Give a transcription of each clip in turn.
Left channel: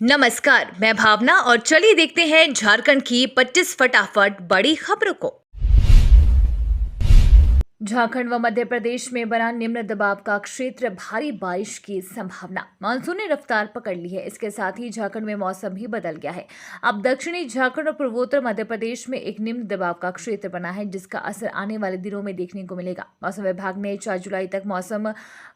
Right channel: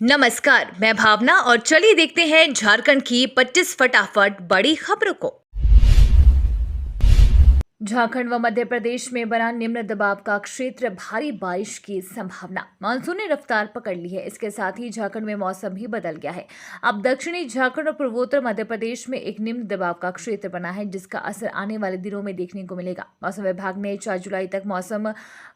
नमस्कार, मैं भावना और चलिए देखते हैं झारखंड की 25 फटाफट बड़ी खबरों को। झारखंड व मध्य प्रदेश में बना निम्न दबाव का क्षेत्र, भारी बारिश की संभावना। मानसून ने रफ्तार पकड़ ली है। इसके साथ ही झारखंड में मौसम भी बदल गया है। अब दक्षिणी झारखंड और पूर्वोत्तर मध्य प्रदेश में एक निम्न दबाव का क्षेत्र बना है, जिसका असर आने वाले दिनों में देखने को मिलेगा। मौसम विभाग ने 4 जुलाई तक मौसम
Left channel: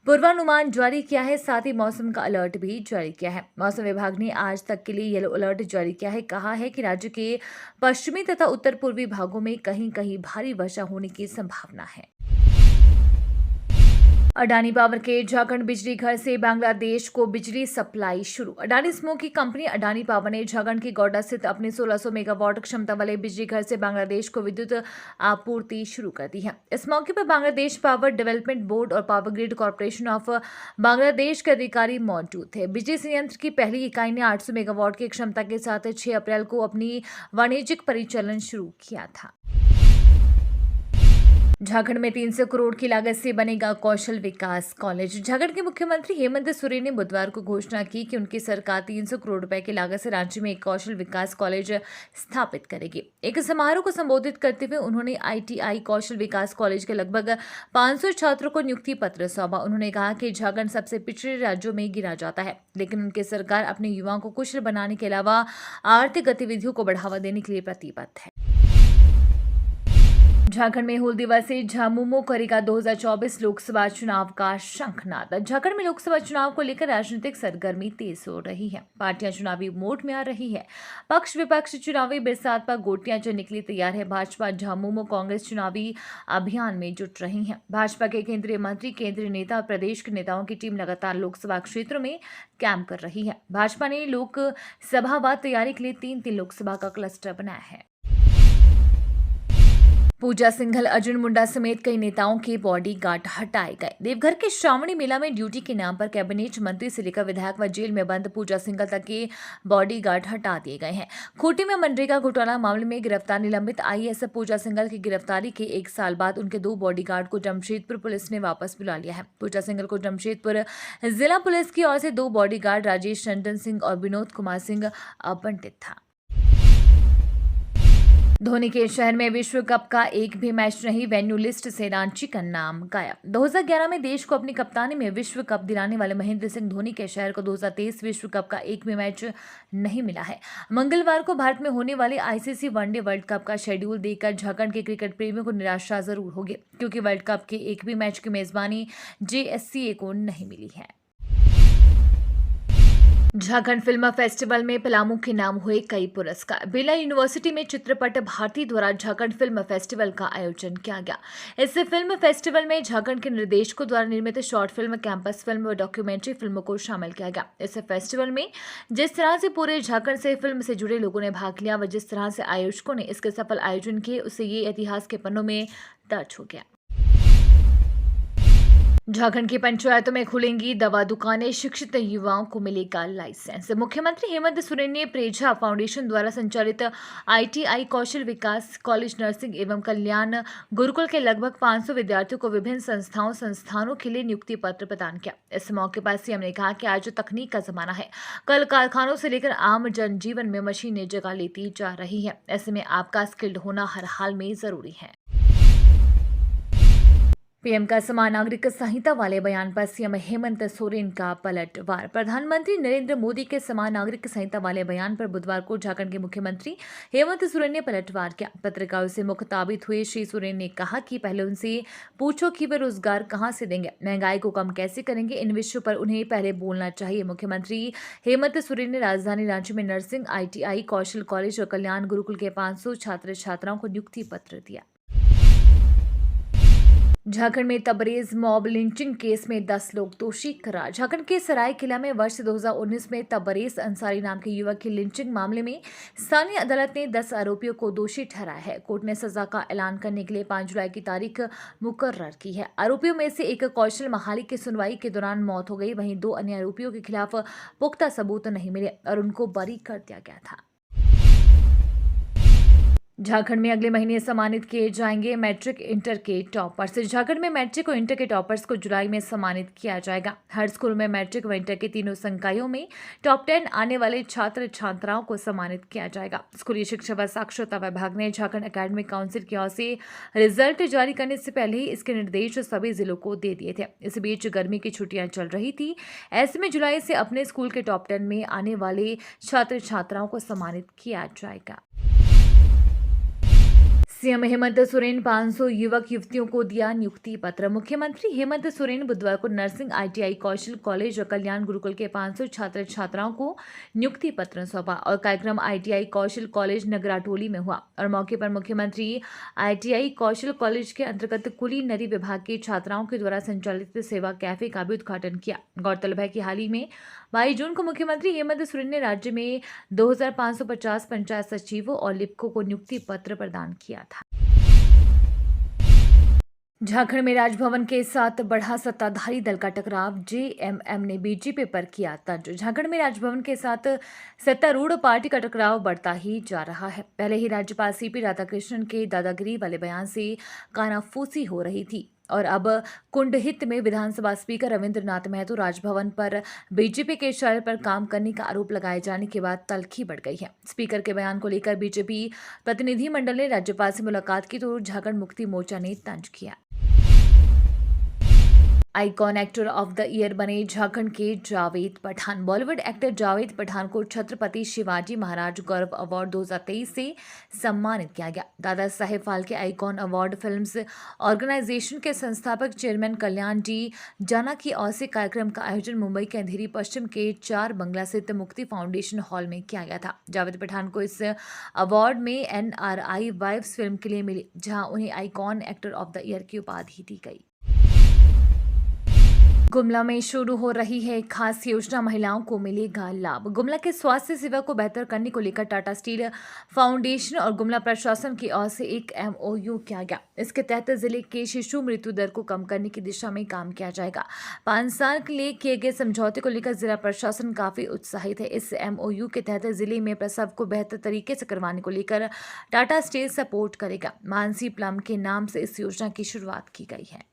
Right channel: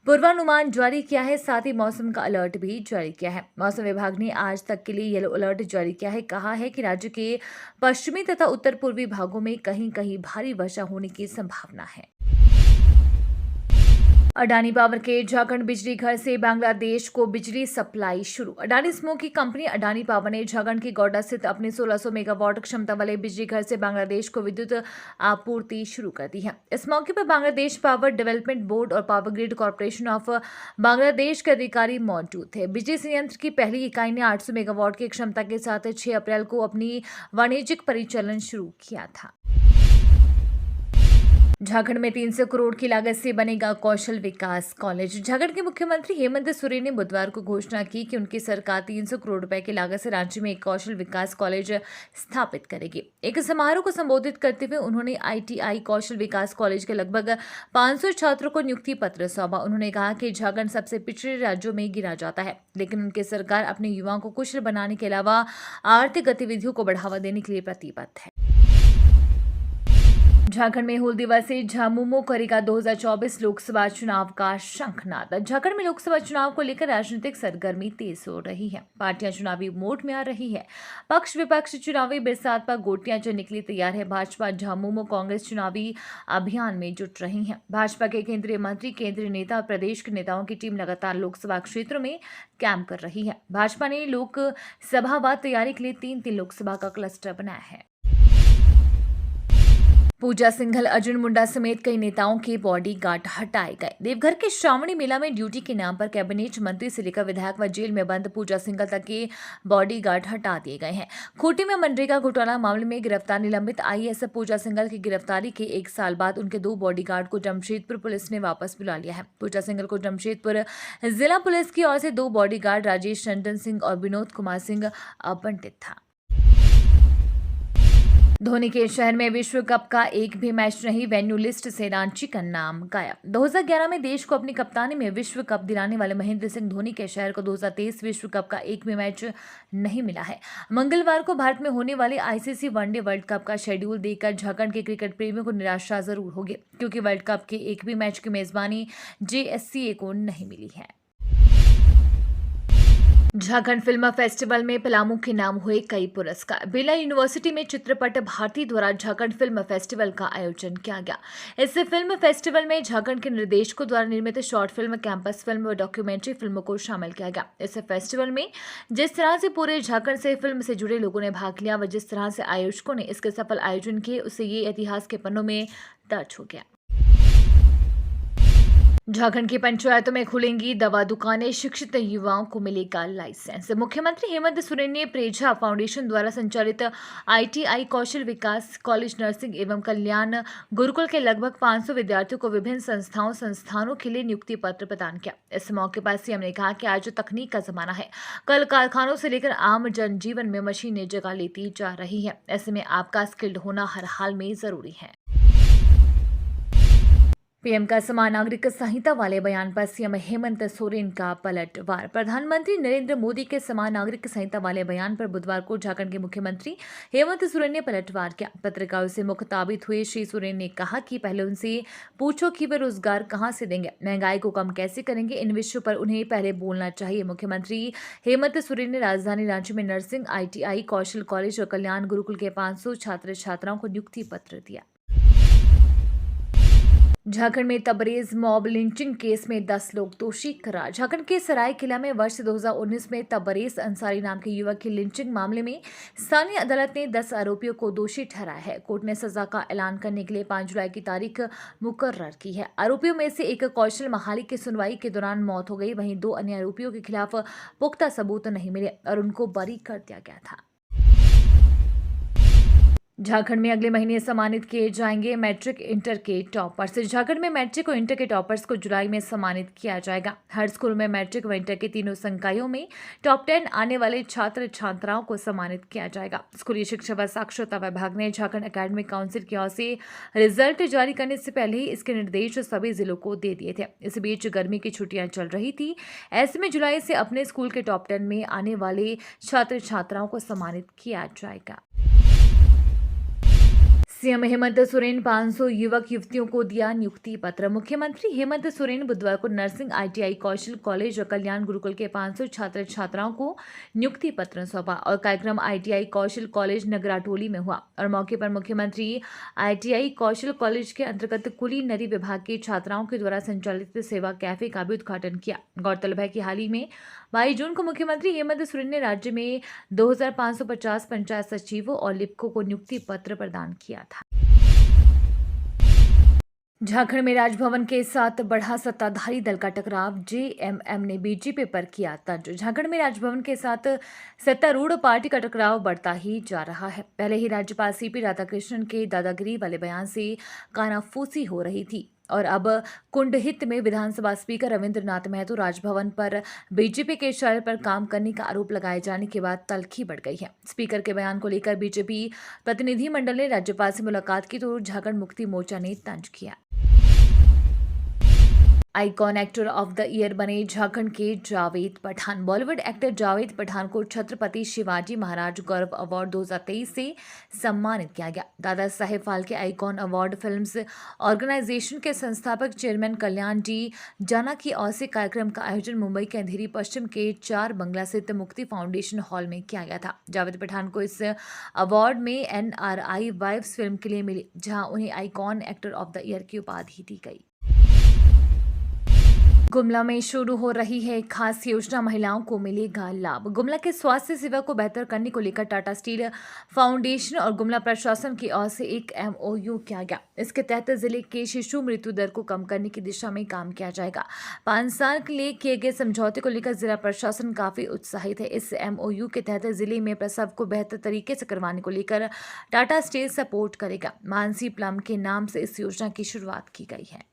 पूर्वानुमान जारी किया है, साथ ही मौसम का अलर्ट भी जारी किया है। मौसम विभाग ने आज तक के लिए येलो अलर्ट जारी किया है। कहा है कि राज्य के पश्चिमी तथा उत्तर पूर्वी भागों में कहीं कहीं भारी वर्षा होने की संभावना है। अडानी पावर के झारखंड बिजली घर से बांग्लादेश को बिजली सप्लाई शुरू। अडानी समूह की कंपनी अडानी पावर ने झारखंड की गोड्डा स्थित अपने 1600 मेगावाट क्षमता वाले बिजली घर से बांग्लादेश को विद्युत आपूर्ति शुरू कर दी है। इस मौके पर बांग्लादेश पावर डेवलपमेंट बोर्ड और power grid corporation of Bangladesh के अधिकारी मौजूद थे। बिजली संयंत्र की पहली इकाई ने 800 मेगावाट की क्षमता के साथ 6 अप्रैल को अपनी वाणिज्यिक परिचालन शुरू किया था। झारखंड में 300 करोड़ की लागत से बनेगा कौशल विकास कॉलेज। झारखंड के मुख्यमंत्री हेमंत सोरेन ने बुधवार को घोषणा की कि उनकी सरकार 300 करोड़ रुपए की लागत से राज्य में एक कौशल विकास कॉलेज स्थापित करेगी। एक समारोह को संबोधित करते हुए उन्होंने आईटीआई कौशल विकास कॉलेज के लगभग 500 छात्रों को नियुक्ति पत्र सौंपा। उन्होंने कहा कि झारखंड सबसे पिछड़े राज्यों में गिना जाता है, लेकिन उनकी सरकार अपने युवाओं को कुशल बनाने के अलावा आर्थिक गतिविधियों को बढ़ावा देने के लिए प्रतिबद्ध है। झारखंड में हूल दिवस से झामुमो करेगा 2024 लोकसभा चुनाव का शंखनाद। झारखंड में लोकसभा चुनाव को लेकर राजनीतिक सरगर्मी तेज हो रही है। पार्टियां चुनावी मोड में आ रही है। पक्ष विपक्ष चुनावी बरसात पर गोटियां चलने के लिए तैयार है। भाजपा, झामुमो, कांग्रेस चुनावी अभियान में जुट रही है। भाजपा के केंद्रीय मंत्री, केंद्रीय नेता और प्रदेश के नेताओं की टीम लगातार लोकसभा क्षेत्रों में कैंप कर रही है। भाजपा ने लोकसभावार तैयारी के लिए 3-3 लोकसभा का क्लस्टर बनाया है। पूजा सिंघल, अर्जुन मुंडा समेत कई नेताओं के बॉडीगार्ड हटाए गए। देवघर के श्रावणी मेला में ड्यूटी के नाम पर कैबिनेट मंत्री से लेकर विधायक व जेल में बंद पूजा सिंघल तक के बॉडीगार्ड हटा दिए गए हैं। खूंटी में मनरेगा घोटाला मामले में गिरफ्तार निलंबित आईएएस पूजा सिंघल की गिरफ्तारी के 1 साल बाद उनके 2 बॉडीगार्ड को जमशेदपुर पुलिस ने वापस बुला लिया है। पूजा सिंघल को जमशेदपुर जिला पुलिस की ओर से 2 बॉडीगार्ड राजेश रंजन सिंह और विनोद कुमार सिंह आवंटित था। धोनी के शहर में विश्व कप का एक भी मैच नहीं, वेन्यू लिस्ट से रांची का नाम गायब। 2011 में देश को अपनी कप्तानी में विश्व कप दिलाने वाले महेंद्र सिंह धोनी के शहर को 2023 विश्व कप का एक भी मैच नहीं मिला है। मंगलवार को भारत में होने वाले आईसीसी वनडे वर्ल्ड कप का शेड्यूल देखकर झारखंड के क्रिकेट प्रेमियों को निराशा जरूर होगी, क्योंकि वर्ल्ड कप के एक भी मैच की मेजबानी जेएससीए को नहीं मिली है। झारखंड फिल्म फेस्टिवल में पलामू के नाम हुए कई पुरस्कार। बिरला यूनिवर्सिटी में चित्रपट भारती द्वारा झारखंड फिल्म फेस्टिवल का आयोजन किया गया। इस फिल्म फेस्टिवल में झारखंड के निर्देशकों द्वारा निर्मित शॉर्ट फिल्म, कैंपस फिल्म व डॉक्यूमेंट्री फिल्मों को शामिल किया गया। इस फेस्टिवल में जिस तरह से पूरे झारखंड से फिल्म से जुड़े लोगों ने भाग लिया व जिस तरह से आयोजकों ने इसके सफल आयोजन किए, उससे ये इतिहास के पन्नों में दर्ज हो गया। झारखंड की पंचायतों में खुलेंगी दवा दुकानें, शिक्षित युवाओं को मिलेगा लाइसेंस। मुख्यमंत्री हेमंत सोरेन ने प्रेझा फाउंडेशन द्वारा संचालित आईटीआई कौशल विकास कॉलेज, नर्सिंग एवं कल्याण गुरुकुल के लगभग 500 विद्यार्थियों को विभिन्न संस्थानों के लिए नियुक्ति पत्र प्रदान किया। इस मौके पर सीएम ने कहा कि आज तकनीक का जमाना है। कल कारखानों से लेकर आम जनजीवन में मशीनें जगह लेती जा रही है। ऐसे में आपका स्किल्ड होना हर हाल में जरूरी है। पीएम का समान नागरिक संहिता वाले बयान पर सीएम हेमंत सोरेन का पलटवार। प्रधानमंत्री नरेंद्र मोदी के समान नागरिक संहिता वाले बयान पर बुधवार को झारखंड के मुख्यमंत्री हेमंत सोरेन ने पलटवार किया। पत्रकारों से मुखताबित हुए श्री सोरेन ने कहा कि पहले उनसे पूछो कि वे रोजगार कहां से देंगे, महंगाई को कम कैसे करेंगे, इन विषयों पर उन्हें पहले बोलना चाहिए। मुख्यमंत्री हेमंत सोरेन ने राजधानी रांची में नर्सिंग, आईटीआई, कौशल कॉलेज और कल्याण गुरुकुल के 500 छात्र छात्राओं को नियुक्ति पत्र दिया। झारखंड में तबरेज मॉब लिंचिंग केस में 10 लोग दोषी करार। झारखंड के सरायकेला में वर्ष 2019 में तबरेज अंसारी नाम के युवक की लिंचिंग मामले में स्थानीय अदालत ने 10 आरोपियों को दोषी ठहराया है। कोर्ट ने सजा का ऐलान करने के लिए 5 जुलाई की तारीख मुकर्रर की है। आरोपियों में से एक कौशल महाली की सुनवाई के दौरान मौत हो गई। वहीं 2 अन्य आरोपियों के खिलाफ पुख्ता सबूत नहीं मिले और उनको बरी कर दिया गया था। झारखंड में अगले महीने सम्मानित किए जाएंगे मैट्रिक इंटर के टॉपर्स। झारखंड में मैट्रिक और इंटर के टॉपर्स को जुलाई में सम्मानित किया जाएगा। हर स्कूल में मैट्रिक व इंटर के तीनों संकायों में टॉप 10 आने वाले छात्र छात्राओं को सम्मानित किया जाएगा। स्कूली शिक्षा व साक्षरता विभाग ने झारखंड एकेडमिक काउंसिल की ओर से रिजल्ट जारी करने से पहले ही इसके निर्देश सभी जिलों को दे दिए थे। इस बीच गर्मी की छुट्टियां चल रही थी। ऐसे में जुलाई से अपने स्कूल के टॉप 10 में आने वाले छात्र छात्राओं को सम्मानित किया जाएगा। सीएम हेमंत सोरेन 500 युवक युवतियों को दिया नियुक्ति पत्र। मुख्यमंत्री हेमंत सोरेन बुधवार को नर्सिंग आईटीआई कौशल कॉलेज और कल्याण गुरुकुल के 500 छात्र छात्राओं को नियुक्ति पत्र सौंपा और कार्यक्रम आईटीआई कौशल कॉलेज नगराटोली में हुआ और मौके पर मुख्यमंत्री आईटीआई कौशल कॉलेज के अंतर्गत कुलीनरी विभाग की छात्राओं के द्वारा संचालित सेवा कैफे का भी उद्घाटन किया। गौरतलब है कि हाल ही में 22 जून को मुख्यमंत्री हेमंत सोरेन ने राज्य में 2550 पंचायत सचिवों और लिपिकों को नियुक्ति पत्र प्रदान किया था। झारखंड में राजभवन के साथ बढ़ा सत्ताधारी दल का टकराव। जेएमएम ने बीजेपी पर किया तंज। झारखंड में राजभवन के साथ सत्तारूढ़ पार्टी का टकराव बढ़ता ही जा रहा है। पहले ही राज्यपाल सीपी राधाकृष्णन के दादागिरी वाले बयान से कानाफूसी हो रही थी और अब कुंडहित में विधानसभा स्पीकर रविंद्र नाथ महतो राजभवन पर बीजेपी के इशारे पर काम करने का आरोप लगाए जाने के बाद तल्खी बढ़ गई है। स्पीकर के बयान को लेकर बीजेपी प्रतिनिधिमंडल ने राज्यपाल से मुलाकात की तो झारखंड मुक्ति मोर्चा ने तंज किया। Icon actor of the year बने झारखंड के जावेद पठान। बॉलीवुड एक्टर जावेद पठान को छत्रपति शिवाजी महाराज गौरव अवार्ड 2023 से सम्मानित किया गया। Dada Saheb Phalke icon award films organisation के संस्थापक चेयरमैन कल्याण जी जाना की ओर से कार्यक्रम का आयोजन मुंबई के अंधेरी पश्चिम के 4 बंगला स्थित मुक्ति फाउंडेशन हॉल में किया गया था। जावेद पठान को इस अवार्ड में एनआरआई वाइव्स फिल्म के लिए मिली, जहां उन्हें icon actor of the year की उपाधि दी गई। गुमला में शुरू हो रही है खास योजना, महिलाओं को मिलेगा लाभ। गुमला के स्वास्थ्य सेवा को बेहतर करने को लेकर टाटा स्टील फाउंडेशन और गुमला प्रशासन की ओर से एक एमओयू किया गया। इसके तहत जिले के शिशु मृत्यु दर को कम करने की दिशा में काम किया जाएगा। 5 साल के लिए किए गए समझौते को लेकर जिला प्रशासन काफी उत्साहित है। इस एमओयू के तहत जिले में प्रसव को बेहतर तरीके से करवाने को लेकर टाटा स्टील सपोर्ट करेगा। मानसी प्लम के नाम से इस योजना की शुरुआत की गई है।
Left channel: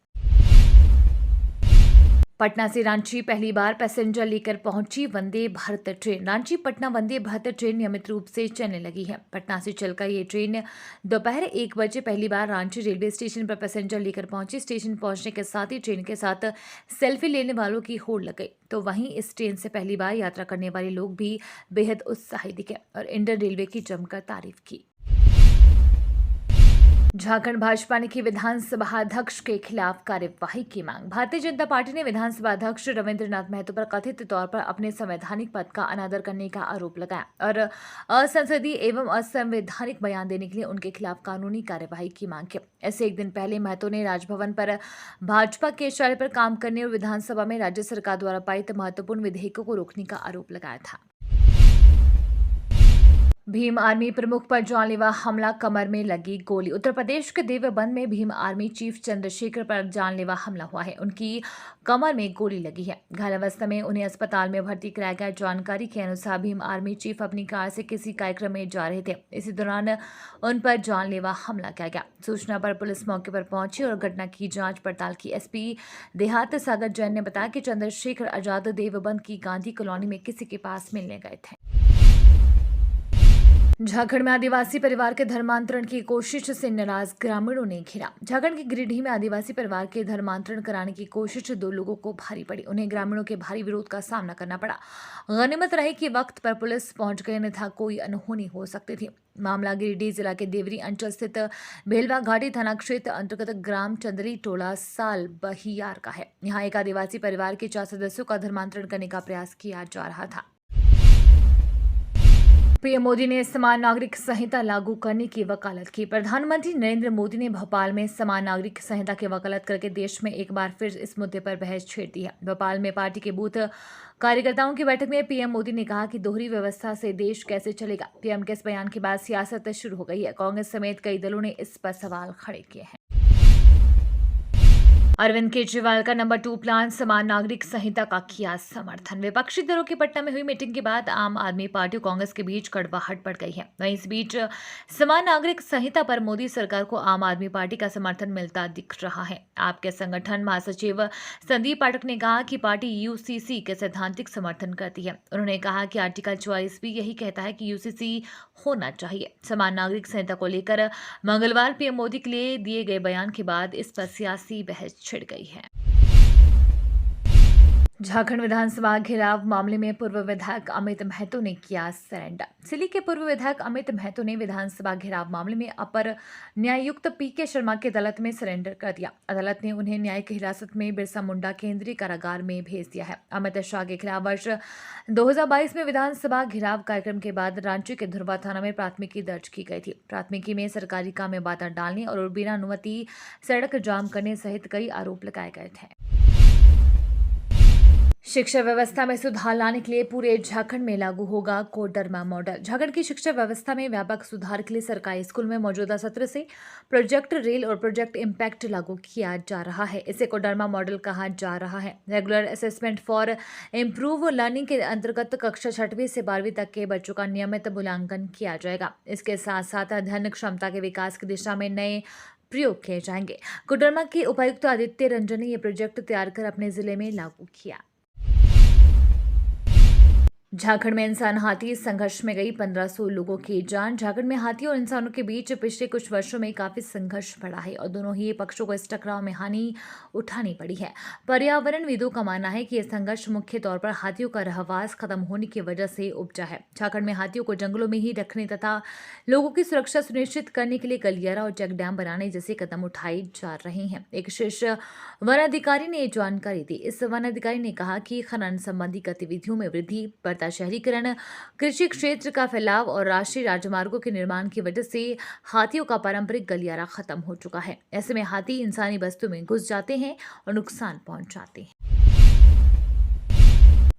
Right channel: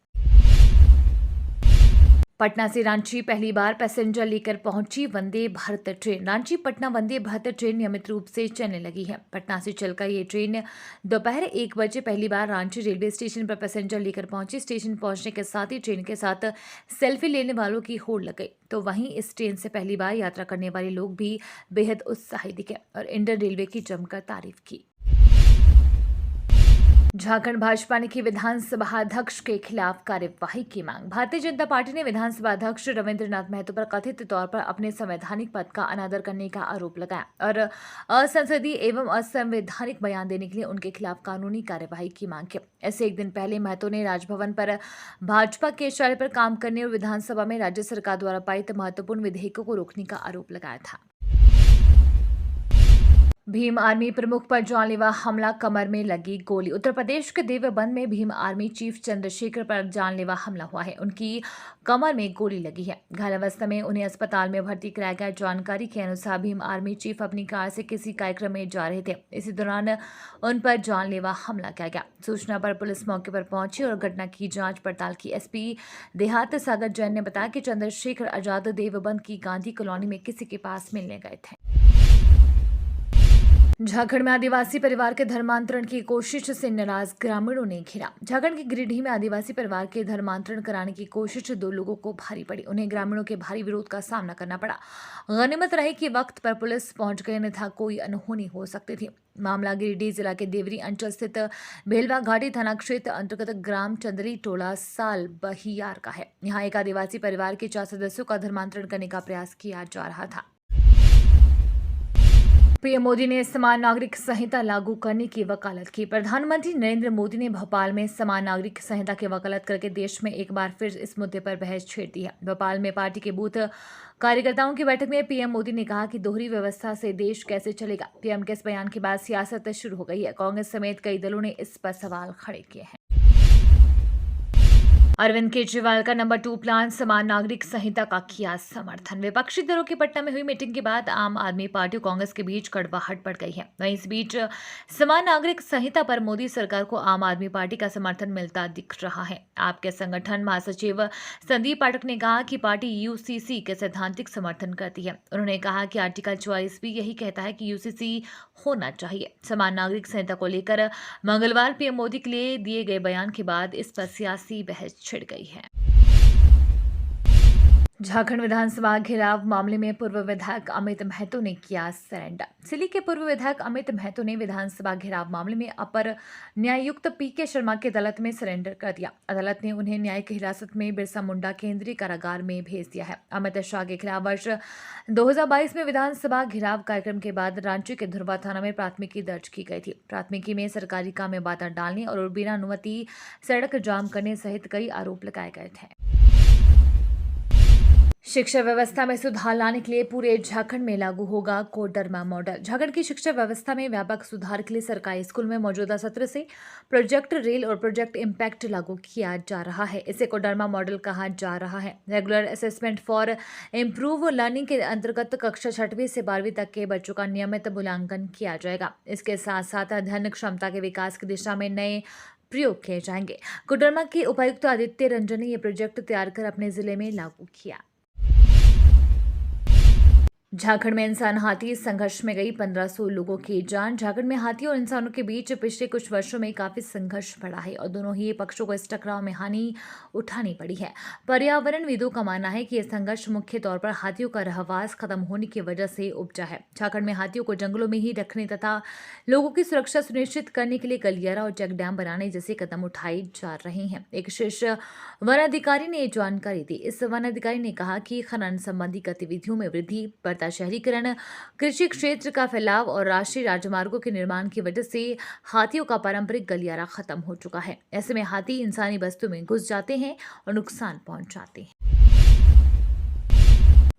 पटना से रांची पहली बार पैसेंजर लेकर पहुंची वंदे भारत ट्रेन। रांची पटना वंदे भारत ट्रेन नियमित रूप से चलने लगी है। पटना से चलकर ये ट्रेन दोपहर 1 बजे पहली बार रांची रेलवे स्टेशन पर पैसेंजर लेकर पहुंची। स्टेशन पहुंचने के साथ ही ट्रेन के साथ सेल्फी लेने वालों की होड़ लग गई, तो वहीं इस ट्रेन से पहली बार यात्रा करने वाले लोग भी बेहद उत्साहित दिखे और इंडियन रेलवे की जमकर तारीफ की। झारखंड भाजपा ने की विधानसभा अध्यक्ष के खिलाफ कार्यवाही की मांग। भारतीय जनता पार्टी ने विधानसभा अध्यक्ष रविंद्र नाथ महतो पर कथित तौर पर अपने संवैधानिक पद का अनादर करने का आरोप लगाया और असंसदीय एवं असंवैधानिक बयान देने के लिए उनके खिलाफ कानूनी कार्यवाही की मांग की। ऐसे एक दिन पहले महतो ने राजभवन पर भाजपा के इशारे पर काम करने और विधानसभा में राज्य सरकार द्वारा पारित महत्वपूर्ण विधेयकों को रोकने का आरोप लगाया था। भीम आर्मी प्रमुख पर जानलेवा हमला, कमर में लगी गोली। उत्तर प्रदेश के देवबंद में भीम आर्मी चीफ चंद्रशेखर पर जानलेवा हमला हुआ है। उनकी कमर में गोली लगी है। घायल अवस्था में उन्हें अस्पताल में भर्ती कराया गया। जानकारी के अनुसार भीम आर्मी चीफ अपनी कार से किसी कार्यक्रम में जा रहे थे। इसी दौरान उन पर जानलेवा हमला किया गया। सूचना पर पुलिस मौके पर पहुंची और घटना की जांच पड़ताल की। एसपी देहात सागर जैन ने बताया कि चंद्रशेखर आजाद देवबंद की गांधी कॉलोनी में किसी के पास मिलने गए थे। झारखंड में आदिवासी परिवार के धर्मांतरण की कोशिश से नाराज ग्रामीणों ने घेरा। झारखंड के गिरिडीह में आदिवासी परिवार के धर्मांतरण कराने की कोशिश 2 लोगों को भारी पड़ी। उन्हें ग्रामीणों के भारी विरोध का सामना करना पड़ा। गनीमत रही कि वक्त पर पुलिस पहुंच गई, अन्यथा कोई अनहोनी हो सकती थी। मामला गिरिडीह जिला के देवरी अंचल स्थित भेलवा घाटी थाना क्षेत्र अंतर्गत ग्राम चंदरी टोला साल बहियार का है। यहाँ एक आदिवासी परिवार के 4 सदस्यों का धर्मांतरण करने का प्रयास किया जा रहा था। पीएम मोदी ने समान नागरिक संहिता लागू करने की वकालत की। प्रधानमंत्री नरेंद्र मोदी ने भोपाल में समान नागरिक संहिता की वकालत करके देश में एक बार फिर इस मुद्दे पर बहस छेड़ दी है। भोपाल में पार्टी के बूथ कार्यकर्ताओं की बैठक में पीएम मोदी ने कहा कि दोहरी व्यवस्था से देश कैसे चलेगा। पीएम के इस बयान के बाद सियासत शुरू हो गई है। कांग्रेस समेत कई दलों ने इस पर सवाल खड़े किए हैं। अरविंद केजरीवाल का नंबर 2 प्लान, समान नागरिक संहिता का किया समर्थन। विपक्षी दलों की पटना में हुई मीटिंग के बाद आम आदमी पार्टी और कांग्रेस के बीच कड़वाहट बढ़ गई है। वहीं इस बीच समान नागरिक संहिता पर मोदी सरकार को आम आदमी पार्टी का समर्थन मिलता दिख रहा है। आपके संगठन महासचिव संदीप पाठक ने कहा कि पार्टी यूसीसी के सैद्धांतिक समर्थन करती है। उन्होंने कहा कि आर्टिकल 44 भी यही कहता है कि यूसीसी होना चाहिए। समान नागरिक संहिता को लेकर मंगलवार पीएम मोदी के लिए दिए गए बयान के बाद इस पर सियासी बहस छिड़ गई है। झारखंड विधानसभा घेराव मामले में पूर्व विधायक अमित महतो ने किया सरेंडर। सिली के पूर्व विधायक अमित महतो ने विधानसभा घेराव मामले में अपर न्यायायुक्त पीके शर्मा की अदालत में सरेंडर कर दिया। अदालत ने उन्हें न्यायिक हिरासत में बिरसा मुंडा केंद्रीय कारागार में भेज दिया है। अमित शाह के खिलाफ वर्ष 2022 में विधानसभा घेराव कार्यक्रम के बाद रांची के धुरवा थाना में प्राथमिकी दर्ज की गई थी। प्राथमिकी में सरकारी काम में बाधा डालने और बिना अनुमति सड़क जाम करने सहित कई आरोप लगाए गए थे। शिक्षा व्यवस्था में सुधार लाने के लिए पूरे झारखंड में लागू होगा कोडरमा मॉडल। झारखंड की शिक्षा व्यवस्था में व्यापक सुधार के लिए सरकारी स्कूल में मौजूदा सत्र से प्रोजेक्ट रेल और प्रोजेक्ट इम्पैक्ट लागू किया जा रहा है। इसे कोडरमा मॉडल कहा जा रहा है। Regular assessment for improve learning के अंतर्गत कक्षा 6वीं से 12वीं तक के बच्चों का नियमित मूल्यांकन किया जाएगा। इसके साथ साथ अध्ययन क्षमता के विकास की दिशा में नए प्रयोग किए जाएंगे। कोडरमा के उपायुक्त आदित्य रंजन ने यह प्रोजेक्ट तैयार कर अपने जिले में लागू किया। झारखंड में इंसान हाथी संघर्ष में गई 1500 लोगों की जान। झारखंड में हाथी और इंसानों के बीच पिछले कुछ वर्षों में काफी संघर्ष बढ़ा है और दोनों ही पक्षों को इस टकराव में हानि उठानी पड़ी है। पर्यावरणविदों का मानना है कि यह संघर्ष मुख्य तौर पर हाथियों का रहवास खत्म होने की वजह से उपजा है। झारखंड में हाथियों को जंगलों में ही रखने तथा लोगों की सुरक्षा सुनिश्चित करने के लिए गलियारा और चेक डैम बनाने जैसे कदम उठाए जा रहे हैं। एक शीर्ष वन अधिकारी ने यह जानकारी दी। इस वन अधिकारी ने कहा कि खनन संबंधी गतिविधियों में वृद्धि, शहरीकरण, कृषि क्षेत्र का फैलाव और राष्ट्रीय राजमार्गों के निर्माण की वजह से हाथियों का पारंपरिक गलियारा खत्म हो चुका है। ऐसे में हाथी इंसानी बस्तियों में घुस जाते हैं और नुकसान पहुंचाते हैं।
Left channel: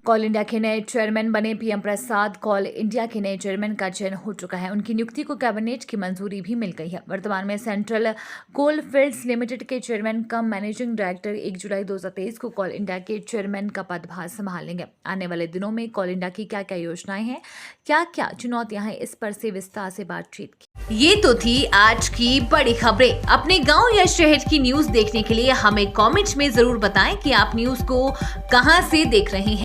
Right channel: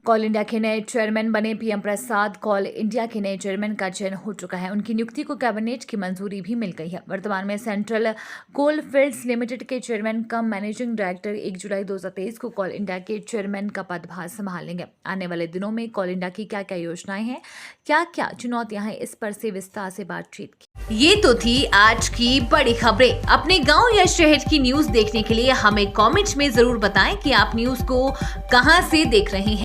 कॉल इंडिया के नए चेयरमैन बने पीएम प्रसाद। कॉल इंडिया के नए चेयरमैन का चयन हो चुका है। उनकी नियुक्ति को कैबिनेट की मंजूरी भी मिल गई है। वर्तमान में सेंट्रल कोल फील्ड्स लिमिटेड के चेयरमैन कम मैनेजिंग डायरेक्टर 1 जुलाई 2023 को कॉल इंडिया के चेयरमैन का पदभार संभालेंगे। आने वाले दिनों में कॉल इंडिया की क्या क्या योजनाएं हैं, क्या क्या चुनौतियां हैं, इस पर से विस्तार से बातचीत की। ये तो थी आज की बड़ी खबरें। अपने गाँव या शहर की न्यूज देखने के लिए हमें कॉमेंट्स में जरूर बताएं कि आप न्यूज को कहाँ से देख रहे हैं।